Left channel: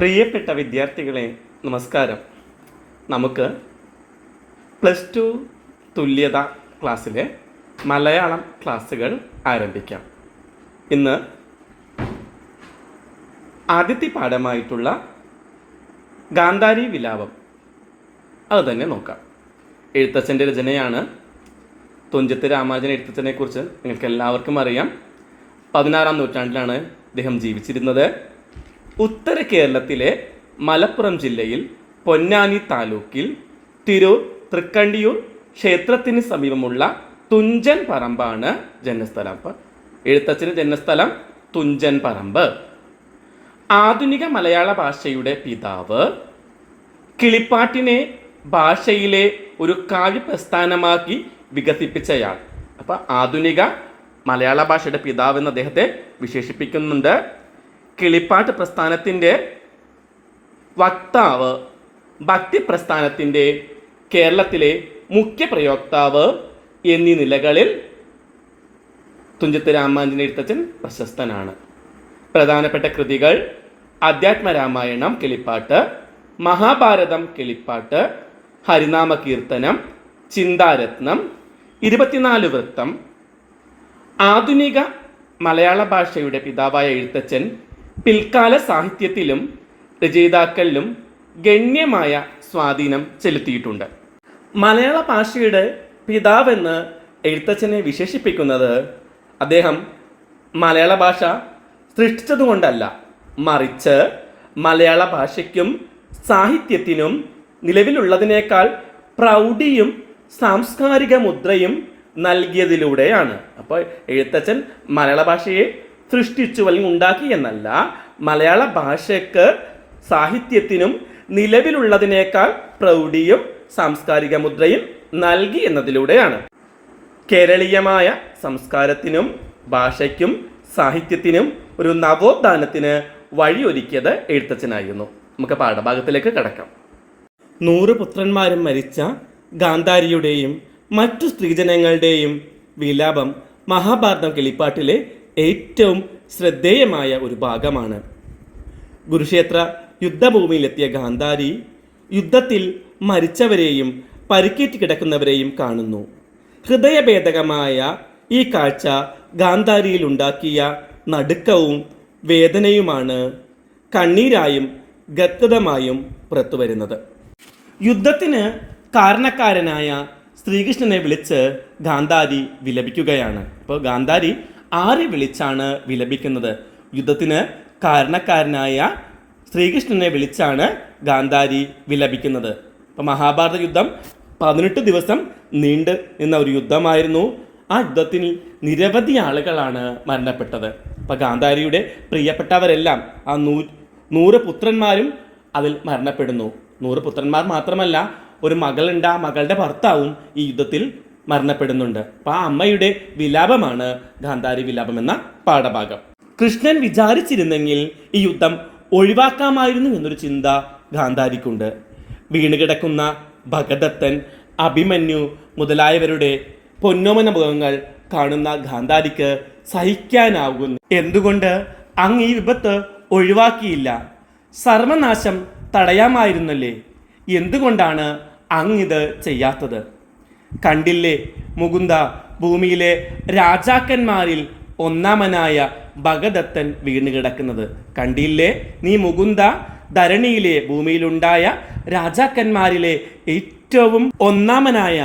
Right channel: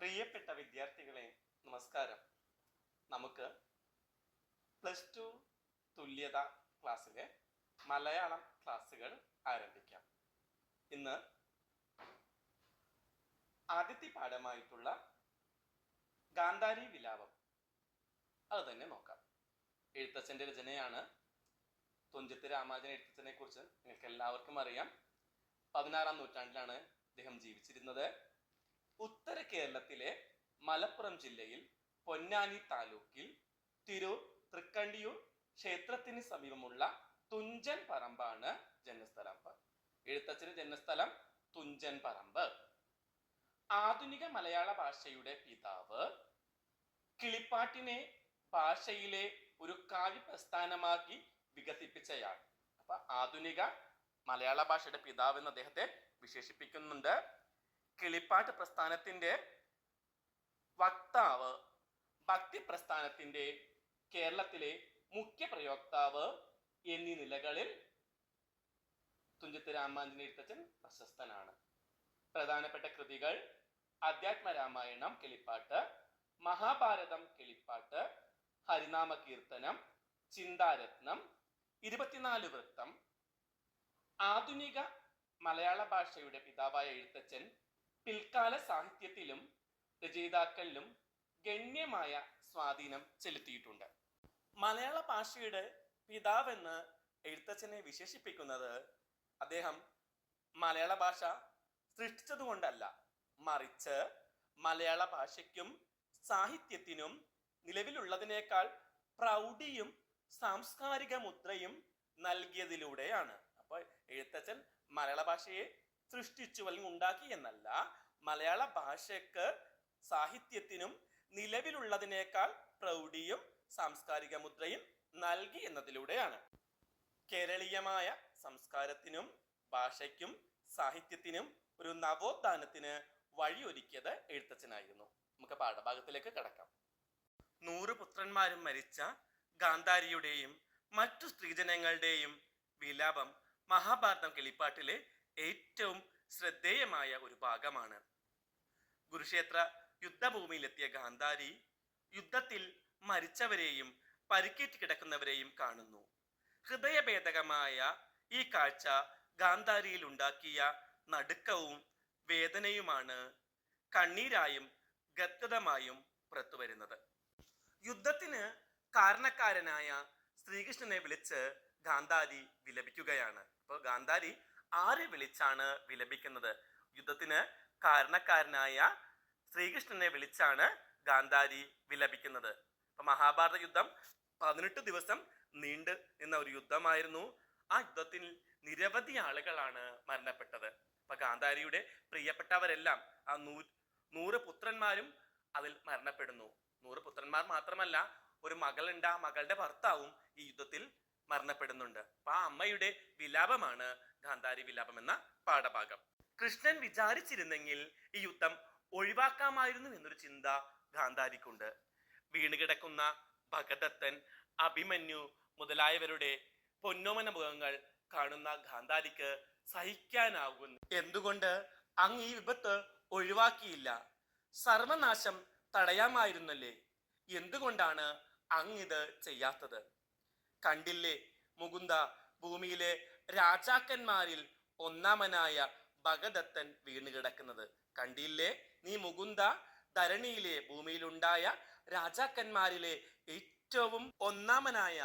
പ്രിയപ്പെട്ട വിദ്യാർത്ഥികളെ, നമസ്കാരം. നമുക്ക് +2 തുല്യത ക്ലാസ്സിലെ മലയാളം ക്ലാസ്സുകൾ ആരംഭിക്കാം. ഇന്ന് ആദ്യത്തെ പാഠമായിട്ടുള്ള ഗാന്ധാരി വിലാപം അത് തന്നെ നോക്കാം. എഴുത്തച്ഛൻ്റെ രചനയാണ്. തുഞ്ചത്ത് രാമാനുജൻ എഴുത്തച്ഛനെ കുറിച്ച് നിങ്ങൾക്ക് എല്ലാവർക്കും അറിയാം. 16-ാം നൂറ്റാണ്ടിലാണ് അദ്ദേഹം ജീവിച്ചിരുന്നത്. ഉത്തര കേരളത്തിലെ മലപ്പുറം ജില്ലയിൽ പൊന്നാനി താലൂക്കിൽ തിരൂർ തൃക്കണ്ടിയൂർ ക്ഷേത്രത്തിന് സമീപമുള്ള തുഞ്ചൻ പറമ്പാണ് ജന്മസ്ഥലം. അപ്പം എഴുത്തച്ഛന് ജന്മസ്ഥലം തുഞ്ചൻ പറമ്പ്. ആധുനിക മലയാള ഭാഷയുടെ പിതാവ്, കിളിപ്പാട്ടിനെ ഭാഷയിലെ ഒരു കാവ്യ പ്രസ്ഥാനമാക്കി വികസിപ്പിച്ചയാൾ. അപ്പം ആധുനിക മലയാള ഭാഷയുടെ പിതാവ് എന്ന് അദ്ദേഹത്തെ വിശേഷിപ്പിക്കുന്നുണ്ട്. കിളിപ്പാട്ട് പ്രസ്ഥാനത്തിൻ്റെ വക്താവ്, ഭക്തി പ്രസ്ഥാനത്തിൻ്റെ കേരളത്തിലെ മുഖ്യ പ്രയോക്താവ് എന്നീ നിലകളിൽ തുഞ്ചത്ത് രാമാനുജൻ എഴുത്തച്ഛൻ പ്രശസ്തനാണ്. പ്രധാനപ്പെട്ട കൃതികൾ അധ്യാത്മരാമായണം കിളിപ്പാട്ട്, മഹാഭാരതം കിളിപ്പാട്ട്, ഹരിനാമ കീർത്തനം, ചിന്താരത്നം, 24 വൃത്തം. ആധുനിക മലയാള ഭാഷയുടെ പിതാവായ എഴുത്തച്ഛൻ പിൽക്കാല സാഹിത്യത്തിലും രചയിതാക്കളിലും ഗണ്യമായ സ്വാധീനം ചെലുത്തിയിട്ടുണ്ട്. മലയാള ഭാഷയുടെ പിതാവെന്ന് എഴുത്തച്ഛനെ വിശേഷിപ്പിക്കുന്നത് അദ്ദേഹം മലയാള ഭാഷ സൃഷ്ടിച്ചതുകൊണ്ടല്ല, മറിച്ച് മലയാള ഭാഷയ്ക്കും സാഹിത്യത്തിനും നിലവിലുള്ളതിനേക്കാൾ പ്രൗഢിയും സാംസ്കാരിക മുദ്രയും നൽകിയതിലൂടെയാണ്. അപ്പോൾ എഴുത്തച്ഛൻ മലയാള ഭാഷയെ സൃഷ്ടിച്ചു അല്ലെങ്കിൽ ഉണ്ടാക്കി എന്നല്ല, മലയാള ഭാഷയ്ക്ക് സാഹിത്യത്തിനും നിലവിലുള്ളതിനേക്കാൾ പ്രൗഢിയും സാംസ്കാരിക മുദ്രയും നൽകി എന്നതിലൂടെയാണ്. കേരളീയമായ സംസ്കാരത്തിനും ഭാഷയ്ക്കും സാഹിത്യത്തിനും ഒരു നവോത്ഥാനത്തിന് വഴിയൊരുക്കിയത് എഴുത്തച്ഛനായിരുന്നു. നമുക്ക് പാഠഭാഗത്തിലേക്ക് കടക്കാം. 100 പുത്രന്മാരും മരിച്ച ഗാന്ധാരിയുടെയും മറ്റു സ്ത്രീജനങ്ങളുടെയും വിലാപം മഹാഭാരതം കിളിപ്പാട്ടിലെ ഏറ്റവും ശ്രദ്ധേയമായ ഒരു ഭാഗമാണ്. കുരുക്ഷേത്ര യുദ്ധഭൂമിയിലെത്തിയ ഗാന്ധാരി യുദ്ധത്തിൽ മരിച്ചവരെയും പരിക്കേറ്റ് കിടക്കുന്നവരെയും കാണുന്നു. ഹൃദയഭേദകമായ ഈ കാഴ്ച ഗാന്ധാരിയിൽ ഉണ്ടാക്കിയ നടുക്കവും വേദനയുമാണ് കണ്ണീരായും ഗദ്ഗതമായും പുറത്തു വരുന്നത്. യുദ്ധത്തിന് കാരണക്കാരനായ ശ്രീകൃഷ്ണനെ വിളിച്ച് ഗാന്ധാരി വിലപിക്കുകയാണ്. അപ്പോൾ ഗാന്ധാരി ആരെ വിളിച്ചാണ് വിലപിക്കുന്നത്? യുദ്ധത്തിന് കാരണക്കാരനായ ശ്രീകൃഷ്ണനെ വിളിച്ചാണ് ഗാന്ധാരി വിലപിക്കുന്നത്. അപ്പോൾ മഹാഭാരത യുദ്ധം 18 ദിവസം നീണ്ടു നിന്ന ഒരു യുദ്ധമായിരുന്നു. ആ യുദ്ധത്തിൽ നിരവധി ആളുകളാണ് മരണപ്പെട്ടത്. അപ്പോൾ ഗാന്ധാരിയുടെ പ്രിയപ്പെട്ടവരെല്ലാം, ആ 100 പുത്രന്മാരും അതിൽ മരണപ്പെടുന്നു. 100 പുത്രന്മാർ മാത്രമല്ല, ഒരു മകളുണ്ട്, ആ മകളുടെ ഭർത്താവും ഈ യുദ്ധത്തിൽ മരണപ്പെടുന്നുണ്ട്. അപ്പോൾ ആ അമ്മയുടെ വിലാപമാണ് ഗാന്ധാരി വിലാപം എന്ന പാഠഭാഗം. കൃഷ്ണൻ വിചാരിച്ചിരുന്നെങ്കിൽ ഈ യുദ്ധം ഒഴിവാക്കാമായിരുന്നു എന്നൊരു ചിന്ത ഗാന്ധാരിക്കുണ്ട്. വീണുകിടക്കുന്ന ഭഗദത്തൻ, അഭിമന്യു മുതലായവരുടെ പൊന്നോമന മുഖങ്ങൾ കാണുന്ന ഗാന്ധാരിക്ക് സഹിക്കാനാകുന്നു. എന്തുകൊണ്ട് അങ്ങ് ഈ വിപത്ത് ഒഴിവാക്കിയില്ല? സർവനാശം തടയാമായിരുന്നല്ലേ? എന്തുകൊണ്ടാണ് അങ്ങിത് ചെയ്യാത്തത്? കണ്ടില്ലേ മുകുന്ദ, ഭൂമിയിലെ രാജാക്കന്മാരിൽ ഒന്നാമനായ ഭഗദത്തൻ വീണുകിടക്കുന്നത്. കണ്ടില്ലേ നീ മുകുന്ദ, ധരണിയിലെ ഭൂമിയിലുണ്ടായ രാജാക്കന്മാരിലെ ഏറ്റവും ഒന്നാമനായ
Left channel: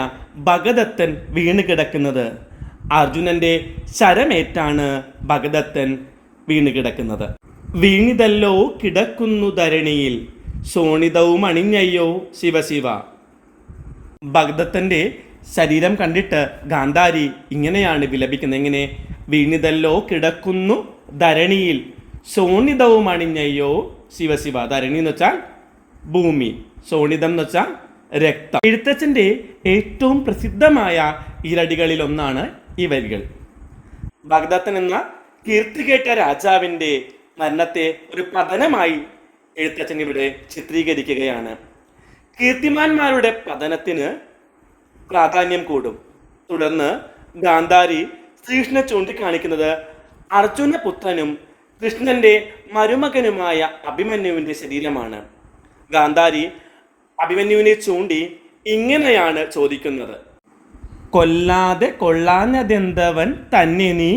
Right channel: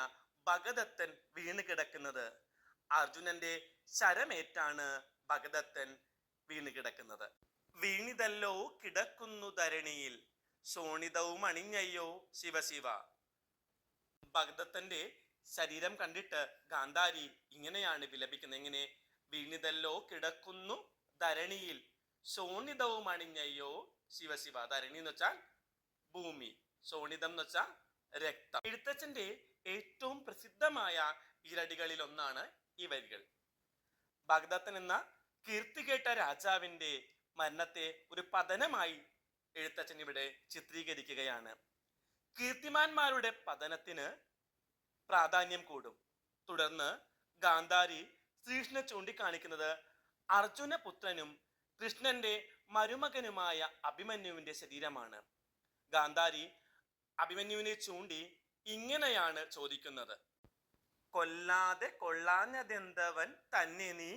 ഭഗദത്തൻ വീണുകിടക്കുന്നത്. അർജുനന്റെ ശരമേറ്റാണ് ഭഗദത്തൻ വീണുകിടക്കുന്നത്. വീണിതല്ലോ കിടക്കുന്നു ധരണിയിൽ, ശോണിതവും അണിഞ്ഞയ്യോ ശിവശിവ. ഭഗദത്തൻ്റെ ശരീരം കണ്ടിട്ട് ഗാന്ധാരി ഇങ്ങനെയാണ് വിലപിക്കുന്നത്. എങ്ങനെ? വീണിതല്ലോ കിടക്കുന്നു ധരണിയിൽ, ശോണിതവും അണിഞ്ഞയ്യോ ശിവശിവ. ധരണി എന്ന് വെച്ചാൽ ഭൂമി, ശോണിതം എന്ന് വെച്ചാൽ രക്തം. എഴുത്തച്ഛൻ്റെ ഏറ്റവും പ്രസിദ്ധമായ ഈരടികളിൽ ഒന്നാണ് ഈ വരികൾ. ഭഗദത്തൻ എന്ന കീർത്തികേട്ട രാജാവിൻ്റെ മരണത്തെ ഒരു പതനമായി എഴുത്തച്ഛൻ ഇവിടെ ചിത്രീകരിക്കുകയാണ്. കീർത്തിമാന്മാരുടെ പതനത്തിന് പ്രാധാന്യം കൂടും. തുടർന്ന് ഗാന്ധാരി ശ്രീകൃഷ്ണനെ ചൂണ്ടിക്കാണിക്കുന്നത് അർജുനപുത്രനും കൃഷ്ണന്റെ മരുമകനുമായ അഭിമന്യുവിൻ്റെ ശരീരമാണ്. ഗാന്ധാരി അഭിമന്യുവിനെ ചൂണ്ടി ഇങ്ങനെയാണ് ചോദിക്കുന്നത്: കൊല്ലാതെ കൊള്ളാഞ്ഞതെന്തവൻ തന്നെ നീ,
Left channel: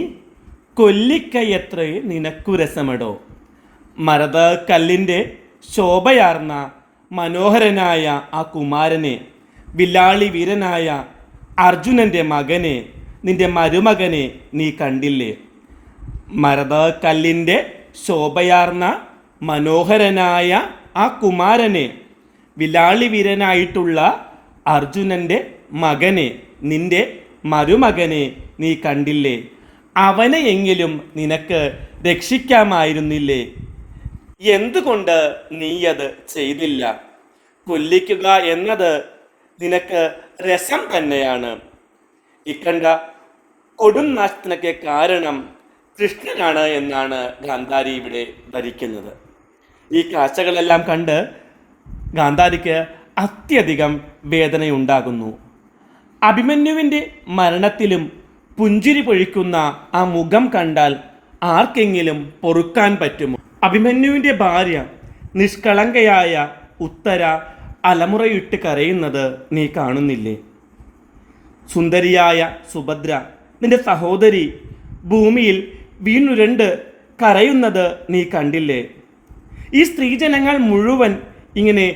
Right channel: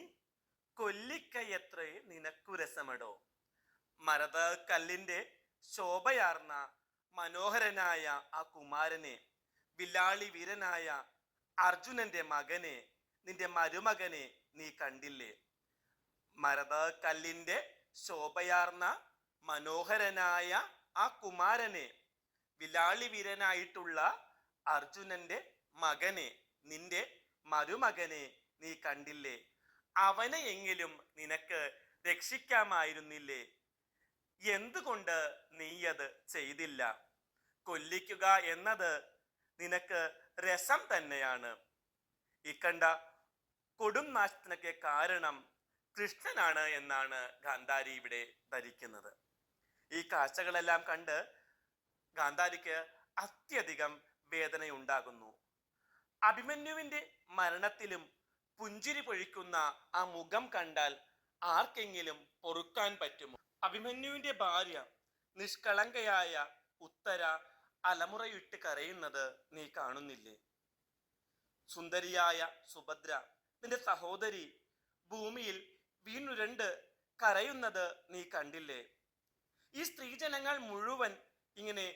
കൊല്ലിക്കയത്ര നിനക്കു രസമടോ. മരത കല്ലിൻ്റെ ശോഭയാർന്ന മനോഹരനായ ആ കുമാരനെ, വില്ലാളി വീരനായ അർജുനൻ്റെ മകനെ, നിന്റെ മരുമകനെ നീ കണ്ടില്ലേ? മരത കല്ലിൻ്റെ ശോഭയാർന്ന മനോഹരനായ ആ കുമാരനെ, വില്ലാളി വീരനായിട്ടുള്ള അർജുനൻ്റെ മകനെ, നിന്റെ മരുമകനെ നീ കണ്ടില്ലേ? അവനെയെങ്കിലും നിനക്ക് രക്ഷിക്കാമായിരുന്നില്ലേ? എന്തുകൊണ്ട് നീയത് ചെയ്തില്ല? കൊല്ലിക്കുക എന്നത് നിനക്ക് രസം തന്നെയാണ്. ഇക്കണ്ട കൊടും നാശത്തിനൊക്കെ കാരണം കൃഷ്ണനാണ് എന്നാണ് ഗാന്ധാരി ഇവിടെ ധരിക്കുന്നത്. ഈ കാഴ്ചകളെല്ലാം കണ്ട് ഗാന്ധാരിക്ക് അത്യധികം വേദനയുണ്ടാകുന്നു. അഭിമന്യുവിൻ്റെ മരണത്തിലും പുഞ്ചിരി പൊഴിക്കുന്ന ആ മുഖം കണ്ടാൽ ആർക്കെങ്കിലും പൊറുക്കാൻ പറ്റുമോ? അഭിമന്യുവിൻ്റെ ഭാര്യ നിഷ്കളങ്കയായ ഉത്തര അലമുറയിട്ട് കരയുന്നത് നീ കാണുന്നില്ലേ? സുന്ദരിയായ സുഭദ്ര, നിന്റെ സഹോദരി, ഭൂമിയിൽ വീണുരണ്ട് കരയുന്നത് നീ കണ്ടില്ലേ? ഈ സ്ത്രീജനങ്ങൾ മുഴുവൻ ഇങ്ങനെ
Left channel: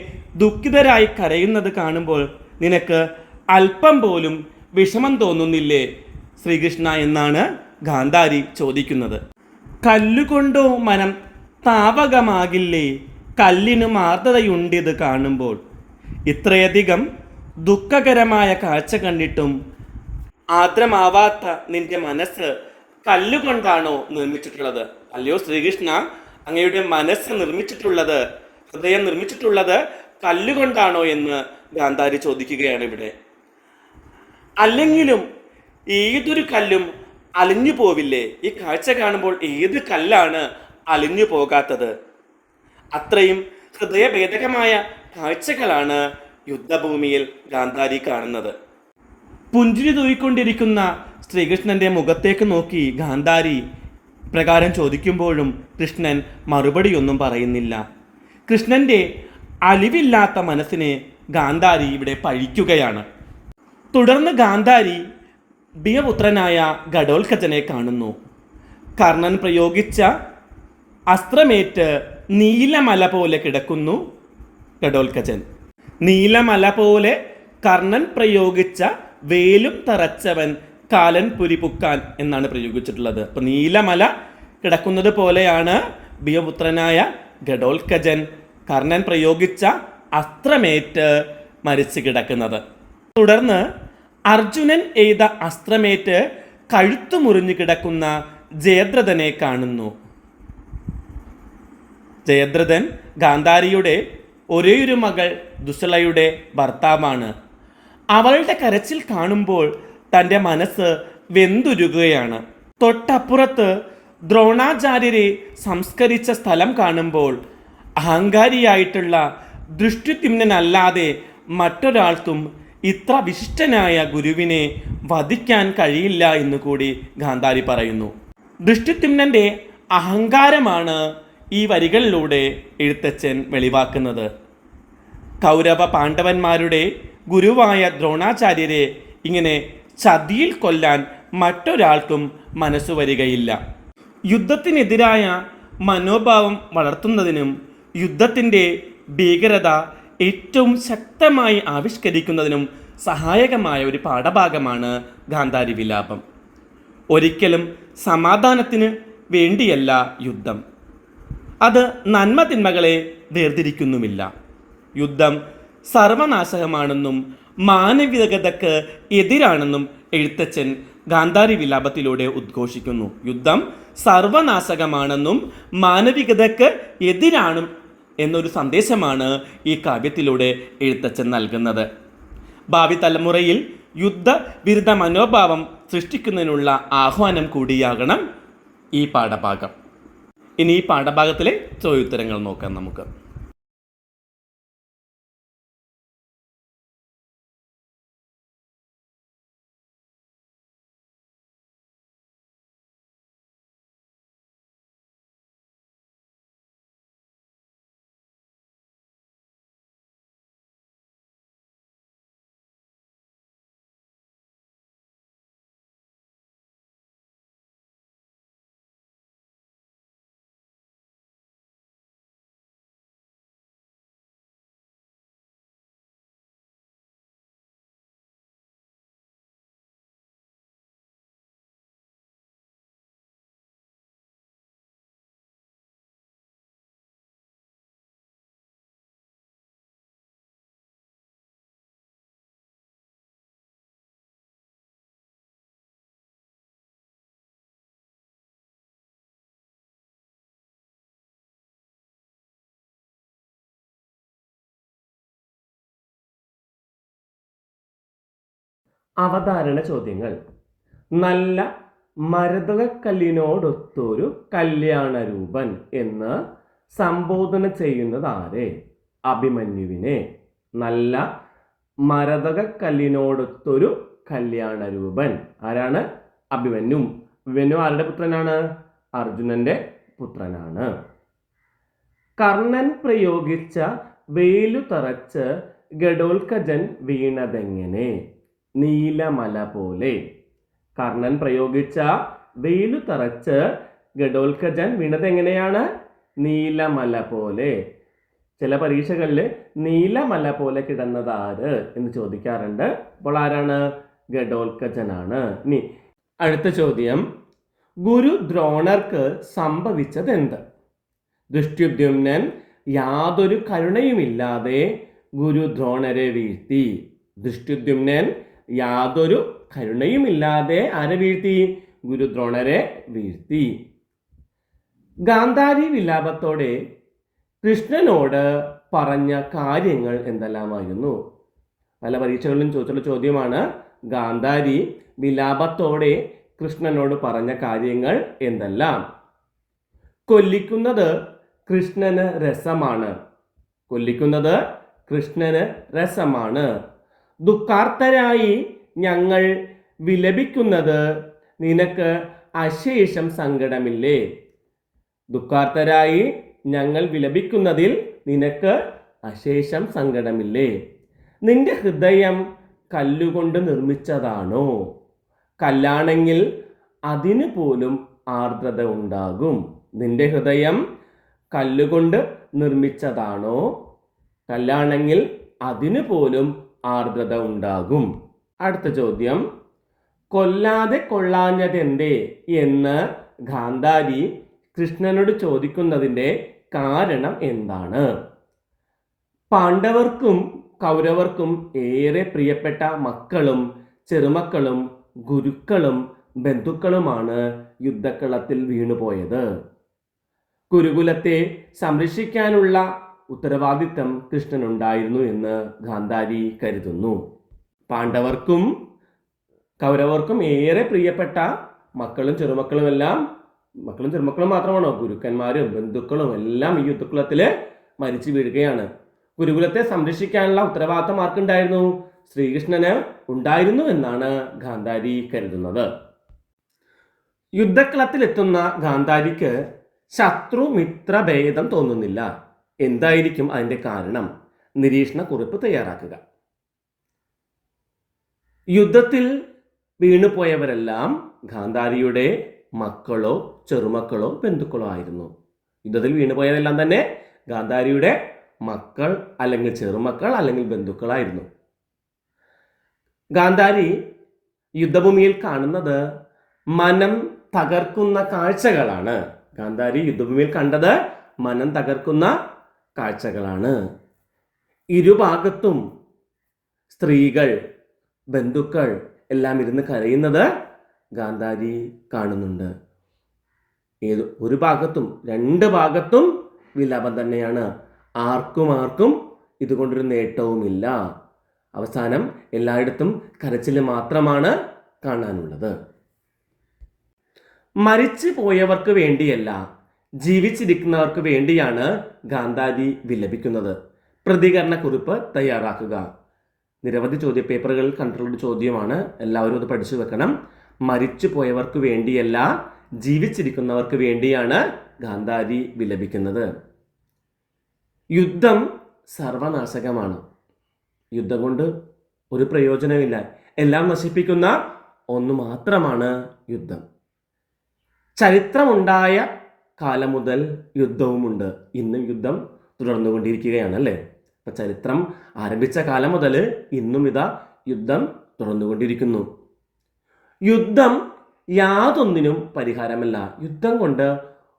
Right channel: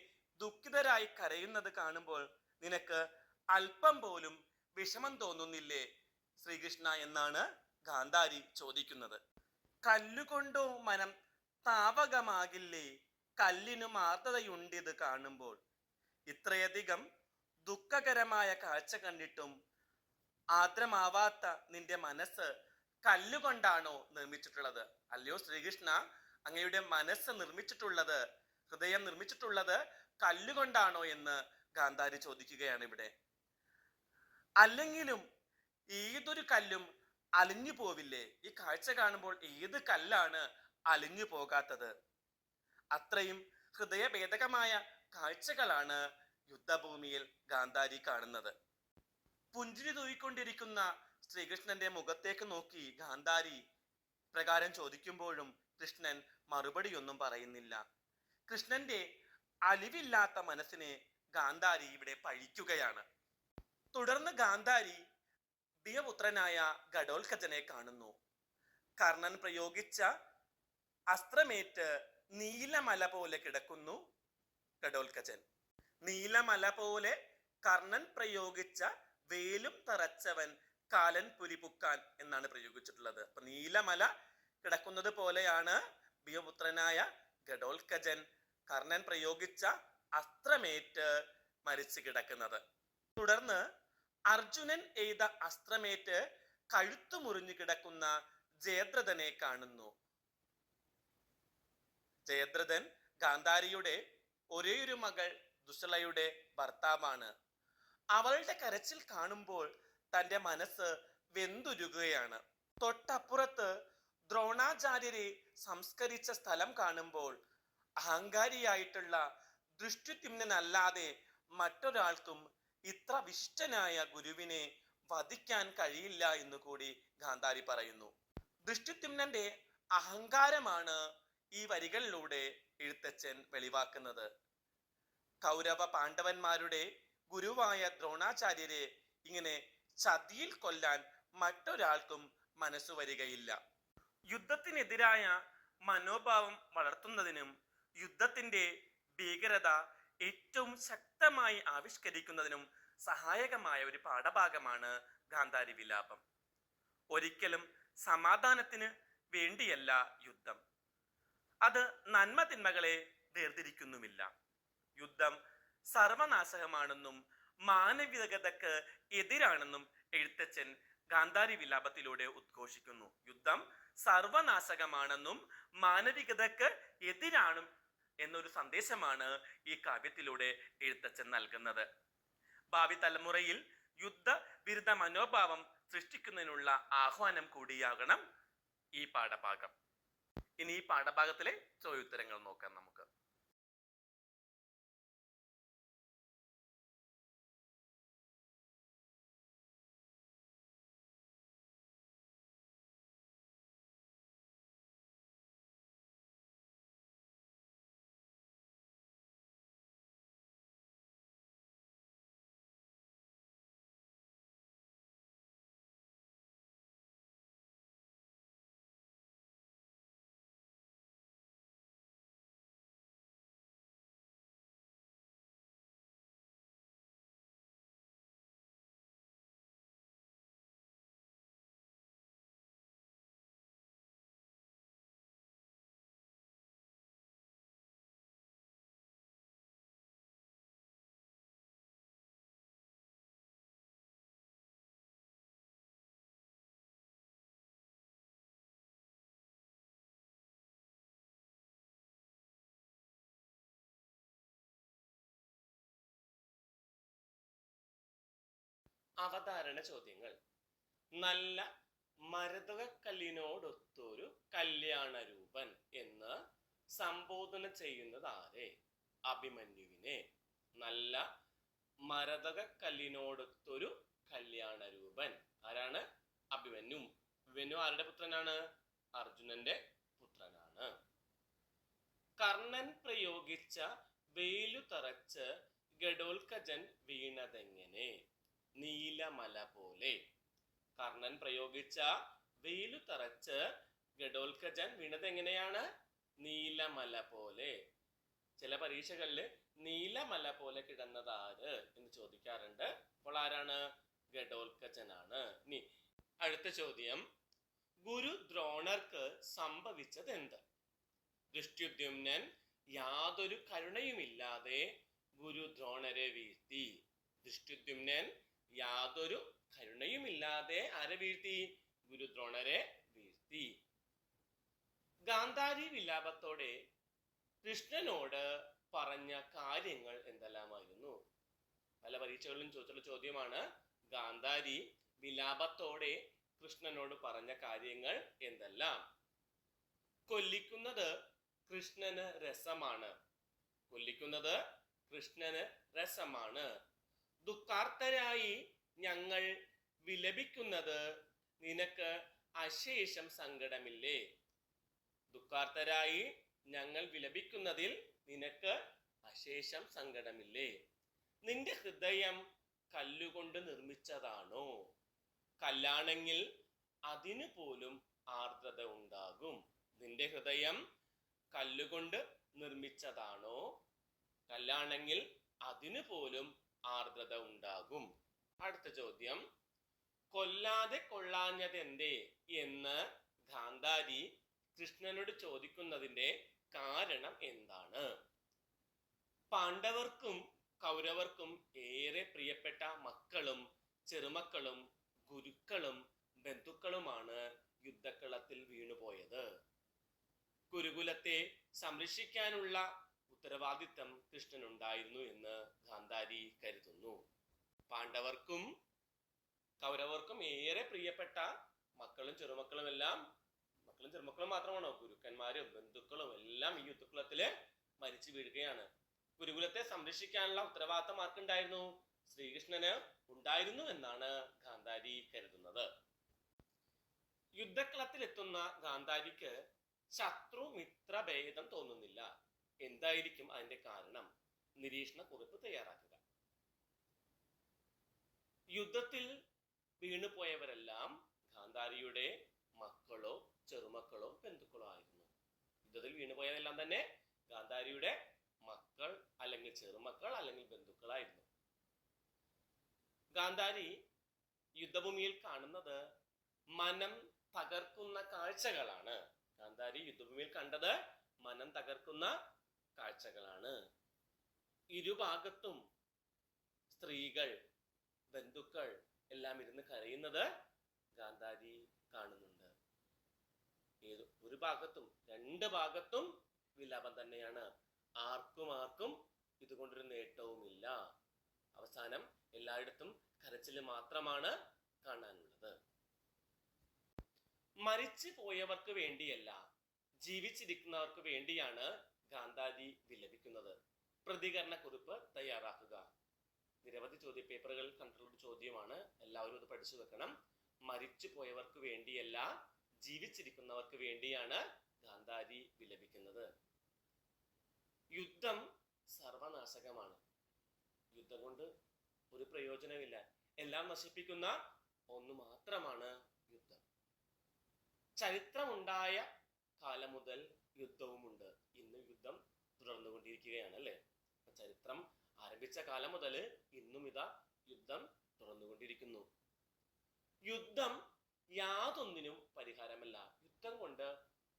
ദുഃഖിതരായി കരയുന്നത് കാണുമ്പോൾ നിനക്ക് അല്പം പോലും വിഷമം തോന്നുന്നില്ലേ ശ്രീകൃഷ്ണ എന്നാണ് ഗാന്ധാരി ചോദിക്കുന്നത്. കല്ലുകൊണ്ടോ മനം താവകമാകില്ലേ, കല്ലിനു മാർദ്ദതയുണ്ടിത് കാണുമ്പോൾ. ഇത്രയധികം ദുഃഖകരമായ കാഴ്ച കണ്ടിട്ടും ആർദ്രമാവാത്ത നിന്റെ മനസ്സ് കല്ലുകൊണ്ടാണോ നിർമ്മിച്ചിട്ടുള്ളത്? അല്ലയോ ശ്രീകൃഷ്ണ, അങ്ങയുടെ മനസ്സ് നിർമ്മിച്ചിട്ടുള്ളത്, ഹൃദയം നിർമ്മിച്ചിട്ടുള്ളത് കല്ലുകൊണ്ടാണോ എന്ന് ഗാന്ധാരി ചോദിക്കുകയാണ് ഇവിടെ. അല്ലെങ്കിലും ഏതൊരു കല്ലും അലിഞ്ഞു പോവില്ലേ? ഈ കാഴ്ച കാണുമ്പോൾ ഏത് കല്ലാണ് അലിഞ്ഞു പോകാത്തത്? അത്രയും ഹൃദയഭേദകമായ കാഴ്ചകളാണ് യുദ്ധഭൂമിയിൽ ഗാന്ധാരി കാണുന്നത്. പുഞ്ചിരി തൂയിക്കൊണ്ടിരിക്കുന്ന ശ്രീകൃഷ്ണന്റെ മുഖത്തേക്ക് നോക്കി ഗാന്ധാരി പ്രകാരം ചോദിക്കുമ്പോഴും കൃഷ്ണൻ മറുപടിയൊന്നും പറയുന്നില്ല. കൃഷ്ണന്റെ അലിവില്ലാത്ത മനസ്സിനെ ഗാന്ധാരി ഇവിടെ പഴിക്കുകയാണ്. തുടർന്ന് ഗാന്ധാരി ഭീമപുത്രനായ ഘടോത്കചനെ കാണുന്നു. കർണൻ പ്രയോഗിച്ച അസ്ത്രമേറ്റ് നീലമല പോലെ കിടക്കുന്നു ഘടോത്കചൻ. നീലമല പോലെ കർണൻ പ്രയോഗിച്ച വേലും തറച്ചവൻ കാലൻ പുരിപുക്കാൻ എന്നാണ് പ്രയോഗിച്ചിട്ടുള്ളത്. അപ്പം നീലമല കിടക്കുന്നത് പോലെയാണ് ഭീമപുത്രനായ ഘടോത്കചൻ കർണൻ പ്രയോഗിച്ച അസ്ത്രമേറ്റ് മരിച്ചു കിടക്കുന്നത്. തുടർന്ന് അർജുനൻ എയ്ത അസ്ത്രമേറ്റ് കഴുത്തു മുറിഞ്ഞു കിടക്കുന്ന ജയദ്രഥനെ കാണുന്നു. ജയദ്രഥൻ ഗാന്ധാരിയുടെ ഒരേയൊരു മകൾ ദുസ്സളയുടെ ഭർത്താവാണ്. അവളുടെ കരച്ചിൽ കാണുമ്പോൾ തൻ്റെ മനസ്സ് വെന്തുരുകുകയാണ്. തൊട്ടപ്പുറത്ത് ദ്രോണാചാര്യരെ സംസ്കരിച്ച സ്ഥലം കാണുമ്പോൾ അഹങ്കാരിയായിട്ടുള്ള ദൃഷ്ടിദ്യുമ്നനല്ലാതെ മറ്റൊരാൾക്കും ഇത്ര വിശിഷ്ടനായ ഗുരുവിനെ വധിക്കാൻ കഴിയില്ല എന്ന് കൂടി ഗാന്ധാരി പറയുന്നു. ദൃഷ്ടിദ്യുമ്നന്റെ അഹങ്കാരമാണ് ഈ വരികളിലൂടെ എഴുത്തച്ഛൻ വെളിവാക്കുന്നത്. കൗരവ പാണ്ഡവന്മാരുടെ ഗുരുവായ ദ്രോണാചാര്യരെ ഇങ്ങനെ ചതിയിൽ കൊല്ലാൻ മറ്റൊരാൾക്കും മനസ്സു വരികയില്ല. യുദ്ധത്തിനെതിരായ മനോഭാവം വളർത്തുന്നതിനും യുദ്ധത്തിൻ്റെ ഭീകരത ഏറ്റവും ശക്തമായി ആവിഷ്കരിക്കുന്നതിനും സഹായകമായ ഒരു പാഠഭാഗമാണ് ഗാന്ധാരി വിലാപം. ഒരിക്കലും സമാധാനത്തിന് വേണ്ടിയല്ല യുദ്ധം. അത് നന്മ തിന്മകളെ വേർതിരിക്കുന്നുമില്ല. യുദ്ധം സർവനാശകമാണെന്നും മാനവികതയ്ക്ക് എതിരാണെന്നും എഴുത്തച്ഛൻ ഗാന്ധാരി വിലാപത്തിലൂടെ ഉദ്ഘോഷിക്കുന്നു. യുദ്ധം സർവനാശകമാണെന്നും മാനവികതയ്ക്ക് എതിരാണ് എന്നൊരു സന്ദേശമാണ് ഈ കാവ്യത്തിലൂടെ എഴുത്തച്ഛൻ നൽകുന്നത്. ഭാവി തലമുറയിൽ യുദ്ധവിരുദ്ധ മനോഭാവം സൃഷ്ടിക്കുന്നതിനുള്ള ആഹ്വാനം കൂടിയാകണം ഈ പാഠഭാഗം. ഇനി ഈ പാഠഭാഗത്തിലെ ചോദ്യോത്തരങ്ങൾ നോക്കാം നമുക്ക്. അവതാരണ ചോദ്യങ്ങൾ. നല്ല മരതകക്കല്ലിനോടൊത്തൊരു കല്യാണരൂപൻ എന്ന് സംബോധന ചെയ്യുന്നത് ആരെ? അഭിമന്യുവിനെ. നല്ല മരതകക്കല്ലിനോടൊത്തൊരു കല്യാണരൂപൻ ആരാണ്? അഭിമന്യു. അഭിമന്യു ആരുടെ പുത്രനാണ്? അർജുനന്റെ പുത്രനാണ്. കർണൻ പ്രയോഗിച്ച വേലു തറച്ച് ഗഡോൽക്കജൻ വീണതെങ്ങനെ? നീലമല പോലെ. കർണൻ പ്രയോഗിച്ച വേലു തറച്ച് ഗഡോൽക്കജൻ വീണത് എങ്ങനെയാണ്? നീലമല പോലെ. ചില പരീക്ഷകളിൽ നീലമല പോലെ കിടന്നത് ആര് എന്ന് ചോദിക്കാറുണ്ട്. അപ്പോൾ ആരാണ്? ഗഡോൽക്കജനാണ്. ഇനി അടുത്ത ചോദ്യം, ഗുരു ദ്രോണർക്ക് സംഭവിച്ചത് എന്ത്? ദൃഷ്ടദ്യുമ്നൻ യാതൊരു കരുണയുമില്ലാതെ ഗുരു ദ്രോണരെ വീഴ്ത്തി. ദൃഷ്ടദ്യുമ്നൻ യാതൊരു കരുണയുമില്ലാതെ ആരെ വീഴ്ത്തി? ഗുരു ദ്രോണരെ വീഴ്ത്തി. ഗാന്ധാരി വിലാപത്തോടെ കൃഷ്ണനോട് പറഞ്ഞ കാര്യങ്ങൾ എന്തെല്ലാമായിരുന്നു? പല പരീക്ഷകളിലും ചോദിച്ചുള്ള ചോദ്യമാണ്. ഗാന്ധാരി വിലാപത്തോടെ കൃഷ്ണനോട് പറഞ്ഞ കാര്യങ്ങൾ എന്തെല്ലാം? കൊല്ലിക്കുന്നത് കൃഷ്ണന് രസമാണ്. കൊല്ലിക്കുന്നത് കൃഷ്ണന് രസമാണ്. ദുഃഖാർത്തരായി ഞങ്ങൾ വിലപിക്കുന്നത് നിനക്ക് അശേഷം സങ്കടമില്ലേ? ദുഃഖാർത്തരായി ഞങ്ങൾ വിലപിക്കുന്നതിൽ നിനക്ക് അശേഷം സങ്കടമില്ലേ? നിന്റെ ഹൃദയം കല്ലുകൊണ്ട് നിർമ്മിച്ചതാണോ? കല്ലാണെങ്കിൽ അതിന് പോലും ആർദ്രത ഉണ്ടാകും. നിന്റെ ഹൃദയം കല്ലുകൊണ്ട് നിർമ്മിച്ചതാണോ? കല്ലാണെങ്കിൽ അതിന് പോലും ആർദ്രത ഉണ്ടാകും. അടുത്ത ചോദ്യം, കൊല്ലാതെ കൊള്ളാഞ്ഞതെന്തേ എന്ന് ഗാന്ധാരി കൃഷ്ണനോട് ചോദിക്കുന്നതിൻ്റെ കാരണം എന്താണ്? പാണ്ഡവർക്കും കൗരവർക്കും ഏറെ പ്രിയപ്പെട്ട മക്കളും ചെറുമക്കളും ഗുരുക്കളും ബന്ധുക്കളുമാണ് യുദ്ധക്കളത്തിൽ വീണുപോയത്. ഗുരുകുലത്തെ സംരക്ഷിക്കാനുള്ള ഉത്തരവാദിത്തം കൃഷ്ണനുണ്ടായിരുന്നു എന്ന് ഗാന്ധാരി കരുതുന്നു. പാണ്ഡവർക്കും കൗരവർക്കും ഏറെ പ്രിയപ്പെട്ട മക്കളും ചെറുമക്കളും എല്ലാം, മക്കളും ചെറുമക്കളും മാത്രമാണോ? ഗുരുക്കന്മാരും ബന്ധുക്കളും എല്ലാം ഈ യുദ്ധക്കുളത്തിൽ മരിച്ചു വീഴുകയാണ്. ഗുരുകുലത്തെ സംരക്ഷിക്കാനുള്ള ഉത്തരവാദിത്തം ആർക്കുണ്ടായിരുന്നു? ശ്രീകൃഷ്ണന് ഉണ്ടായിരുന്നു എന്നാണ് ഗാന്ധാരി കരുതുന്നത്. യുദ്ധക്കളത്തിലെത്തുന്ന ഗാന്ധാരിക്ക് ശത്രു മിത്ര ഭേദം തോന്നുന്നില്ല. എന്തായിരിക്കും അതിൻ്റെ കാരണം? നിരീക്ഷണ കുറിപ്പ് തയ്യാറാക്കുക. യുദ്ധത്തിൽ വീണുപോയവരെല്ലാം ഗാന്ധാരിയുടെ മക്കളോ ചെറുമക്കളോ ബന്ധുക്കളോ ആയിരുന്നു. യുദ്ധത്തിൽ വീണുപോയതെല്ലാം തന്നെ ഗാന്ധാരിയുടെ മക്കൾ അല്ലെങ്കിൽ ചെറുമക്കൾ അല്ലെങ്കിൽ ബന്ധുക്കളായിരുന്നു. ഗാന്ധാരി യുദ്ധഭൂമിയിൽ കാണുന്നത് മനം തകർക്കുന്ന കാഴ്ചകളാണ്. ഗാന്ധാരി യുദ്ധഭൂമിയിൽ കണ്ടത് മനം തകർക്കുന്ന കാഴ്ചകളാണ്. ഇരുഭാഗത്തും സ്ത്രീകൾ ബന്ധുക്കൾ എല്ലാം ഇരുന്ന് കരയുന്നത് ഗാന്ധാരി കാണുന്നുണ്ട്. ഒരു ഭാഗത്തും രണ്ട് ഭാഗത്തും വിലാപം തന്നെയാണ്. ആർക്കും ഇതുകൊണ്ടൊരു നേട്ടവുമില്ല. അവസാനം എല്ലായിടത്തും കരച്ചിൽ മാത്രമാണ് കാണാനുള്ളത്. മരിച്ചു പോയവർക്ക് വേണ്ടിയല്ല, ജീവിച്ചിരിക്കുന്നവർക്ക് വേണ്ടിയാണ് ഗാന്ധാരി വിലപിക്കുന്നത്. പ്രതികരണ കുറിപ്പ് തയ്യാറാക്കുക. നിരവധി ചോദ്യപേപ്പറുകളിൽ കണ്ടിട്ടുള്ള ചോദ്യമാണ്. എല്ലാവരും അത് പഠിച്ചു വെക്കണം. മരിച്ചു പോയവർക്ക് വേണ്ടിയല്ല, ജീവിച്ചിരിക്കുന്നവർക്ക് വേണ്ടിയാണ് ഗാന്ധാരി വിലപിക്കുന്നത്. യുദ്ധം സർവനാശകമാണ്. യുദ്ധം കൊണ്ട് ഒരു പ്രയോജനമില്ല. എല്ലാം നശിപ്പിക്കുന്ന ഒന്ന് മാത്രമാണ് യുദ്ധം. ചരിത്രമുണ്ടായ കാലം മുതൽ യുദ്ധവുമുണ്ട്. ഇന്നും യുദ്ധം തുടർന്നുകൊണ്ടിരിക്കുകയാണ് അല്ലേ? അപ്പം ചരിത്രം ആരംഭിച്ച കാലം മുതൽ ഇന്നും ഇതാ യുദ്ധം തുടർന്നുകൊണ്ടിരിക്കുന്നു. യുദ്ധം യാതൊന്നിനും പരിഹാരമല്ല. യുദ്ധം കൊണ്ട്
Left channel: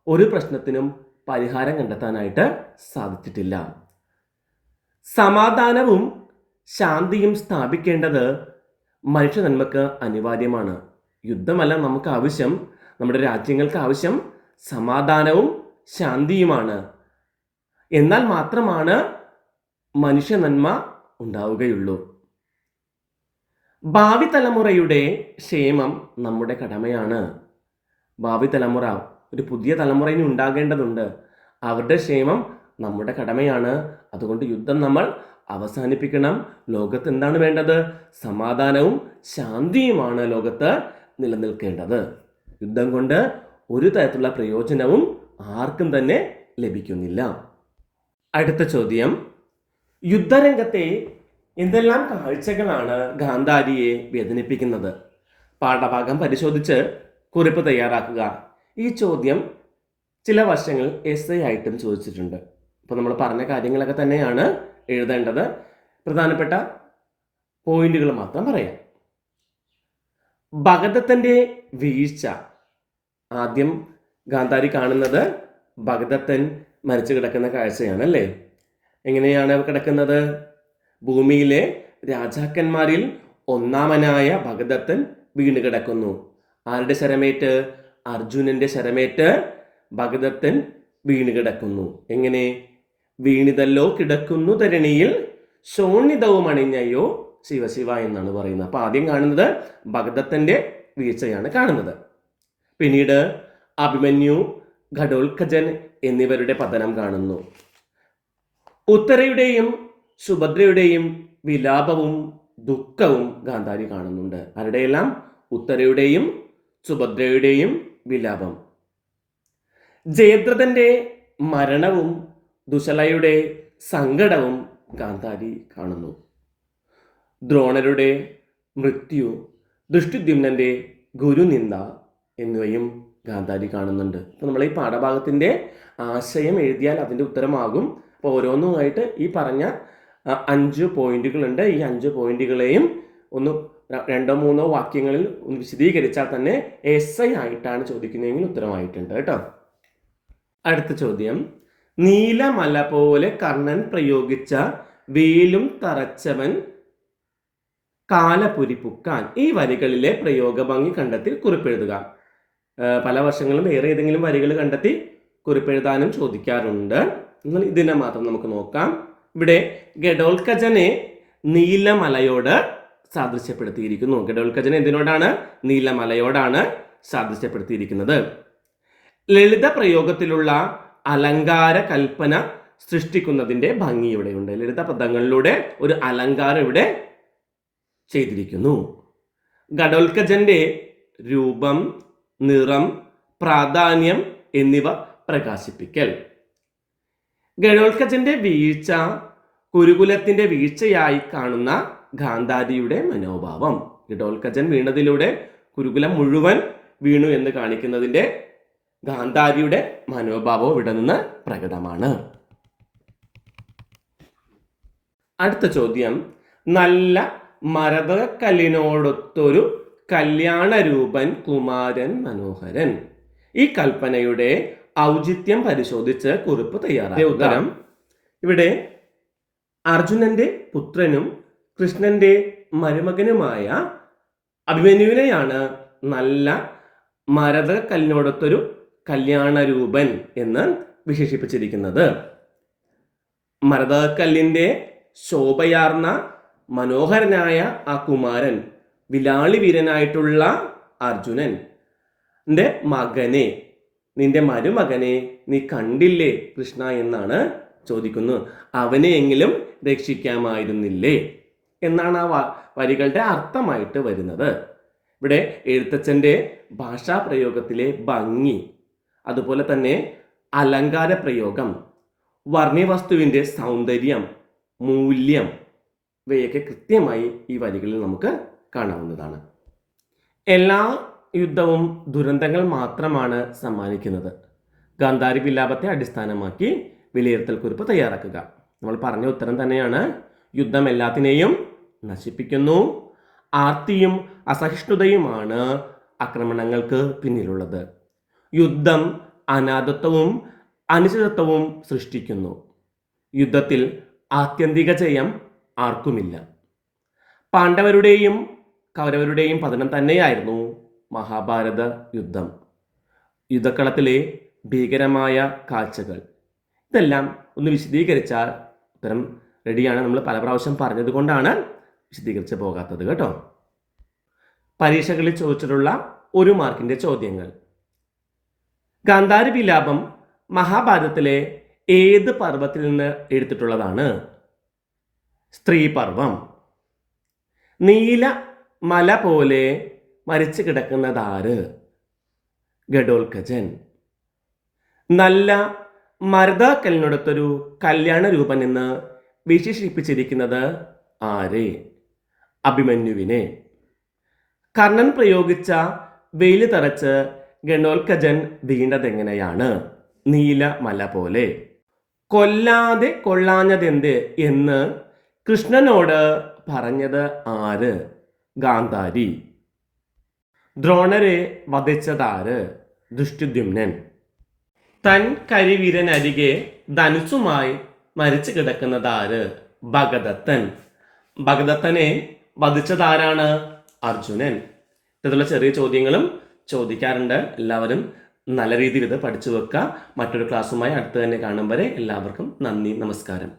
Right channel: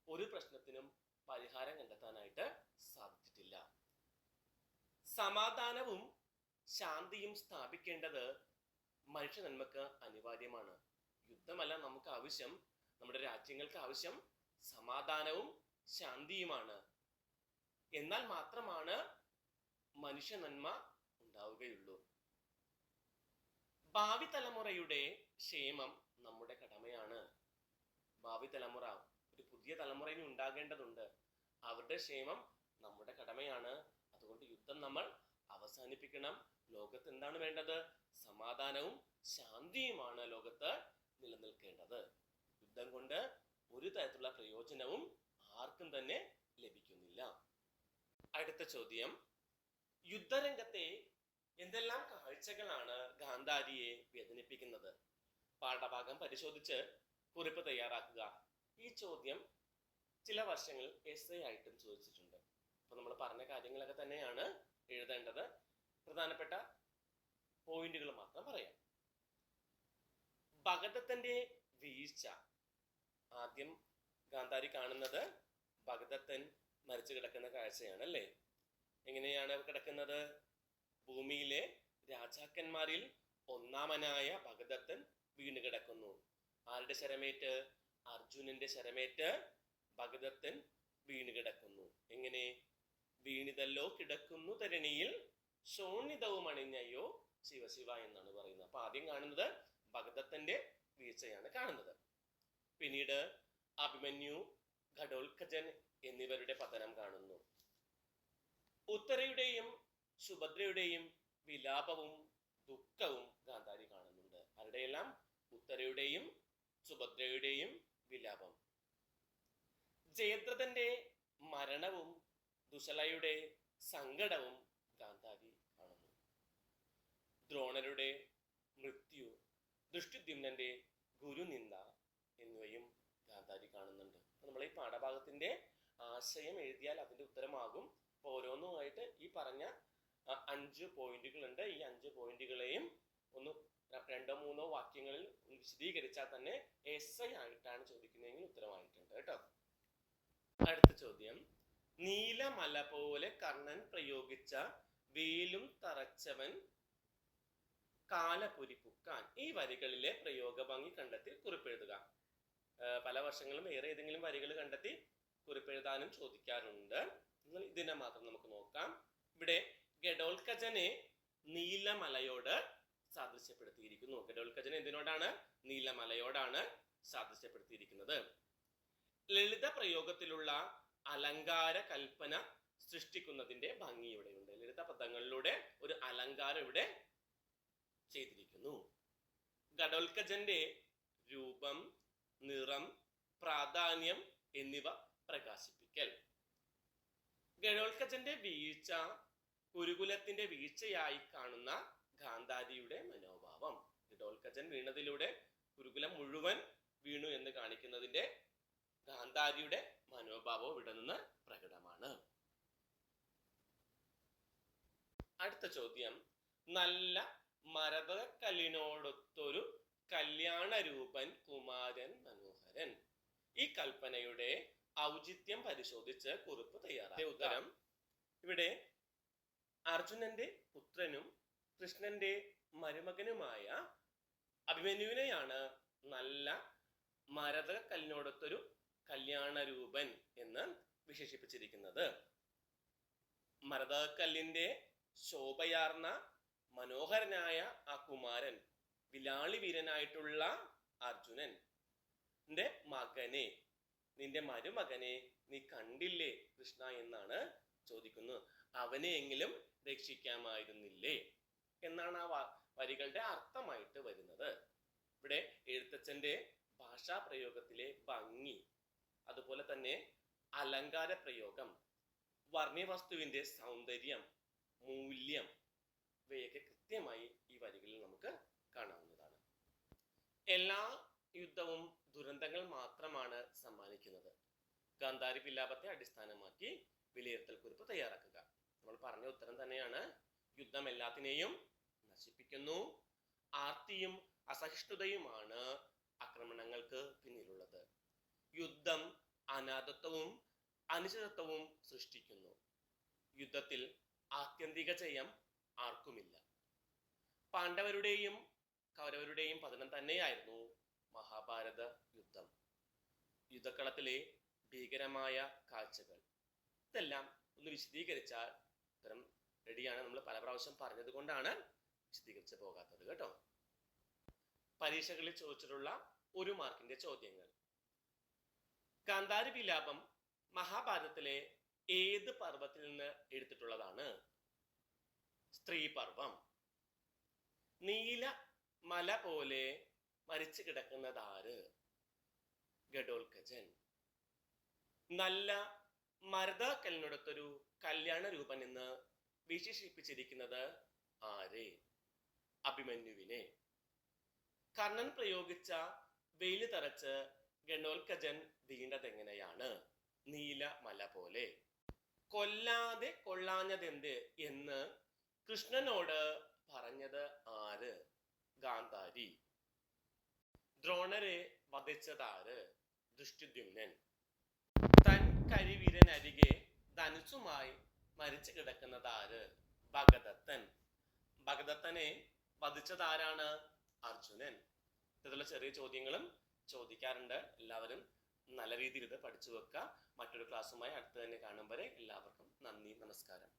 ഒരു പ്രശ്നത്തിനും പരിഹാരം കണ്ടെത്താനായിട്ട് സാധിച്ചിട്ടില്ല. സമാധാനവും ശാന്തിയും സ്ഥാപിക്കേണ്ടത് മനുഷ്യ നന്മക്ക് അനിവാര്യമാണ്. യുദ്ധമല്ല നമുക്ക് ആവശ്യം. നമ്മുടെ രാജ്യങ്ങൾക്ക് ആവശ്യം സമാധാനവും ശാന്തിയുമാണ്. എന്നാൽ മാത്രമാണ് മനുഷ്യ നന്മ ഉണ്ടാവുകയുള്ളൂ. ഭാവി തലമുറയുടെ ക്ഷേമം നമ്മുടെ കടമയാണ്. ഭാവി തലമുറ, ഒരു പുതിയ തലമുറ ഇനി ഉണ്ടാകേണ്ടതുണ്ട്. അവരുടെ ക്ഷേമം നമ്മുടെ കടമയാണ്. അതുകൊണ്ട് യുദ്ധം നമ്മൾ അവസാനിപ്പിക്കണം. ലോകത്ത് എന്താണ് വേണ്ടത്? സമാധാനവും ശാന്തിയുമാണ് ലോകത്ത് നിലനിൽക്കേണ്ടത്. യുദ്ധം കൊണ്ട് ഒരു തരത്തിലുള്ള പ്രയോജനവും ആർക്കും തന്നെ ലഭിക്കുന്നില്ല. അടുത്ത ചോദ്യം, യുദ്ധരംഗത്തെ എന്തെല്ലാം കാഴ്ചകളാണ് ഗാന്ധാരിയെ വേദനിപ്പിക്കുന്നത്? പാഠഭാഗം പരിശോധിച്ച് കുറിപ്പ് തയ്യാറാക്കുക. ഈ ചോദ്യം ചില വർഷങ്ങൾ എസ്സേ ആയിട്ടും ചോദിച്ചിട്ടുണ്ട്. അപ്പോൾ നമ്മൾ പറഞ്ഞ കാര്യങ്ങളൊക്കെ തന്നെയാണ് എഴുതേണ്ടത്. പ്രധാനപ്പെട്ട പോയിന്റുകൾ മാത്രം പറയാം. ഭഗദത്തൻ്റെ വീഴ്ച. ആദ്യം ഗാന്ധാരി കാണുന്നത് ഭഗദത്തൻ മരിച്ചു കിടക്കുന്ന കാഴ്ചയാണ് അല്ലേ? എങ്ങനെയാണ് കിടക്കുന്നത്? ഭൂമിയിലെ രാജാക്കന്മാരിൽ ഒന്നാമനായ ഭഗദത്തൻ വീണ് കിടക്കുന്നു. ആരുടെ ശരമേറ്റ്? അർജുനന്റെ ശരമേറ്റ് ഭഗദത്തൻ വീണ് കിടക്കുന്നു. എങ്ങനെ? വീണിതല്ലോ കിടക്കുന്നു ധരണിയിൽ, ശോണിതവും അണിഞ്ഞയോ ശിവശിവ എന്നാണ് പറയുന്നത്. അപ്പൊ ആദ്യം കാണുന്നത് ഭഗദത്തന്റെ വീഴ്ചയാണ് കാണുന്നത്. പിന്നീട് അഭിമന്യു, ഘടോത്കചൻ എന്നിവരുടെ പതനം കാണുന്നു. ഉത്തരയുടെയും സുഭദ്രയുടെയും വിലാപവും ദുഃഖവും ഗാന്ധാരി കാണുന്നുണ്ട്. ആരുടെയെല്ലാം? ഉത്തരയുടെയും സുഭദ്രയുടെയും വിലാപം. ജയദ്രഥന്റെ മരണവും ദുശലയുടെ സങ്കടവും ഗാന്ധാരി കാണുന്നു. ദ്രോണരുടെ മൃത്യു, ദൃഷ്ടിദ്യുമ്നന്റെ ഗുരുനിന്ദ എന്നിവയും ഗാന്ധാരി കാണുന്നുണ്ട്. അപ്പോൾ നമ്മൾ ഈ പാഠഭാഗത്തിൻ്റെ ആശയം എഴുതിയാൽ അതിൻ്റെ ഉത്തരമാകും. അപ്പോൾ ഓരോന്നുമായിട്ട് ഈ പറഞ്ഞ 5 പോയിന്റുകളുണ്ട്. ഈ 5 പോയിന്റുകളെയും ഒന്ന് 2-3 വാക്യങ്ങളിൽ ഒന്ന് വിശദീകരിച്ചാൽ തന്നെ എസ്ഐ ആയിട്ടാണ് ചോദിക്കുന്നതെങ്കിൽ ഉത്തരമായിട്ടുണ്ട് കേട്ടോ. അടുത്ത ചോദ്യം, നീലമല പോലെ കർണൻ പ്രയോഗിച്ച വേലും തറച്ചവൻ കാലപുരിപ്പുക്കാൻ. ഈ വരികളിലെ പ്രയോഗഭംഗി കണ്ടെത്തി കുറിപ്പെഴുതുക. പല വർഷങ്ങളും വേറെ ഏതെങ്കിലും വരികൾ കണ്ടെത്തി കുറിപ്പെഴുതാനും ചോദിക്കാറുണ്ട്. എന്നാൽ ഇതിനെ മാത്രം നമുക്ക് നോക്കാം. ഇവിടെ ഘടോത്കചനെ നീലമലയോട് സാദൃശ്യപ്പെടുത്തിയിരിക്കുന്നു. ഘടോത്കചനെ എന്തിനോടാണ്? നീലമലയോടാണ് സാദൃശ്യപ്പെടുത്തിയിരിക്കുന്നത്. ലളിത പ്രയോഗത്തിലുള്ള അലങ്കാര കൽപ്പന സൃഷ്ടിക്കുന്നതിൻ്റെ ഭംഗി ഇവിടെയുണ്ട്. ലളിത പദങ്ങളിലൂടെ ഒരു അലങ്കാരം ഇവിടെ ചെയ്തിരിക്കുന്നു. ഘടോത്കചന്റെ രൂപം, നിറം, പ്രാധാന്യം എന്നിവ പ്രകാശിപ്പിക്കൽ. ഘടോത്കചന്റെ വീഴ്ച കുരുകുലത്തിന്റെ വീഴ്ചയായി കാണുന്ന ഗാന്ധാരിയുടെ മനോഭാവം. ഘടോത്കചൻ വീണതിലൂടെ കുരുകുലം മുഴുവൻ വീണു എന്ന് കാണിക്കുന്നതിൻ്റെ ഗാന്ധാരിയുടെ മനോഭാവവും ഇവിടെ നിന്ന് പ്രകടമാണ്. അടുത്ത ചോദ്യം, നല്ല മരതകക്കല്ലിനോടൊത്തൊരു കല്യാണരൂപൻ കുമാരൻ മനോഹരൻ. ഈ കൽപ്പനയുടെ ഔചിത്യം പരിശോധിച്ച് കുറിപ്പ് തയ്യാറാക്കുക. ഉത്തരം, ഇവിടെ അർജുനന്റെ പുത്രനും കൃഷ്ണന്റെ മരുമകനുമായ അഭിമന്യുവിനെയാണ് നല്ല മരതകക്കല്ലിനോടൊത്തൊരു കല്യാണരൂപൻ എന്ന് വിശേഷിപ്പിച്ചിരിക്കുന്നത്. മരതകക്കല്ലിന്റെ ശോഭയാർന്ന മനോഹരനായ ആ കുമാരൻ, വിലാളി വീരനായിട്ടുള്ള അർജുനന്റെ മകനെ, നിന്റെ മരുമകനെ നീ കണ്ടില്ലേ കൃഷ്ണ എന്നാണ് ചോദിക്കുന്നു. അവനെയെങ്കിലും രക്ഷിക്കാമായിരുന്നില്ലേ എന്നാണ് ആ വരികളുടെ അർത്ഥമായിട്ട് വരുന്നത്. ഇവിടെ എഴുത്തച്ഛൻ്റെ ഭാഷാപ്രയോഗത്തിലെ ഭംഗി, അതുപോലെ തന്നെ അലങ്കാര പ്രയോഗം, വർണ്ണ്യവസ്തുവിൻ്റെ സൗന്ദര്യം, മൂല്യം, ഇവയൊക്കെ കൃത്യമായി ഈ വരികളിൽ നമുക്ക് കാണാവുന്നതാണ്. എല്ലാ യുദ്ധവും ദുരന്തങ്ങൾ മാത്രമാണ് സമ്മാനിക്കുന്നത്. ഗാന്ധാരി വിലാപത്തെ അടിസ്ഥാനമാക്കി വിലയിരുത്തൽ കുറിപ്പ് തയ്യാറാക്കുക. നമ്മൾ പറഞ്ഞ ഉത്തരം തന്നെയാണ്. യുദ്ധം എല്ലാത്തിനെയും നശിപ്പിക്കുന്നു. ആർത്തിയും അസഹിഷ്ണുതയുമാണ് ആക്രമണങ്ങൾക്ക് പിന്നിലുള്ളത്. യുദ്ധം അനാഥത്വവും അനിശ്ചിതത്വവും സൃഷ്ടിക്കുന്നു. യുദ്ധത്തിൽ ആത്യന്തിക ജയം ആർക്കുമില്ല. പാണ്ഡവരുടെയും കൗരവരുടെയും പതനം തന്നെയായിരുന്നു മഹാഭാരത യുദ്ധം. യുദ്ധക്കളത്തിലെ ഭീകരമായ കാഴ്ചകൾ, ഇതെല്ലാം ഒന്ന് വിശദീകരിച്ചാൽ ഉത്തരം റെഡിയാണ്. നമ്മൾ പല പ്രാവശ്യം പറഞ്ഞത് കൊണ്ടാണ് വിശദീകരിച്ച് പോകാത്തത് കേട്ടോ. പരീക്ഷകളിൽ ചോദിച്ചിട്ടുള്ള 1 മാർക്കിന്റെ ചോദ്യങ്ങൾ. ഗാന്ധാരി വിലാപം മഹാഭാരതത്തിലെ ഏത് പർവ്വത്തിൽ നിന്ന് എടുത്തിട്ടുള്ളതാണ്? സ്ത്രീപർവം. നീല മല പോലെ മരിച്ചു കിടക്കുന്നതാര്? ഘടോത്കചൻ. നല്ല മരതക്കല്ലിനടുത്തൊരു കല്യാണ രൂപൻ എന്ന് വിശേഷിപ്പിച്ചിരിക്കുന്നത് ആരെ? അഭിമന്യുവിനെ. കർണൻ പ്രയോഗിച്ച വെയില് തറച്ച് ഘടോത്കചൻ വീണ്ടതെങ്ങനെയാണ്? നീല മല പോലെ. കൊല്ലാതെ കൊള്ളാഞ്ഞതെന്ത് എന്ന് കൃഷ്ണനോട് പറഞ്ഞത് ആര്? ഗാന്ധാരി. ദ്രോണരെ വധിച്ചതാര്? ദൃഷ്ടദ്യുമ്നൻ. തൻ കരിവീരനരികെ ധനുസുമായി മരിച്ചു കിടക്കുന്നതാര്? ഭഗദത്തൻ. ഭഗദത്തനെ വധിച്ചതാരാണ്? അർജുനൻ. ഇത്തരത്തിലുള്ള ചെറിയ ചോദ്യങ്ങളും ചോദിക്കാറുണ്ട്. എല്ലാവരും നല്ല രീതിയിൽ ഇത് പഠിച്ചു വെക്കുക. മറ്റൊരു ക്ലാസ്സുമായി അടുത്ത് തന്നെ കാണും വരെ എല്ലാവർക്കും നന്ദി, നമസ്കാരം.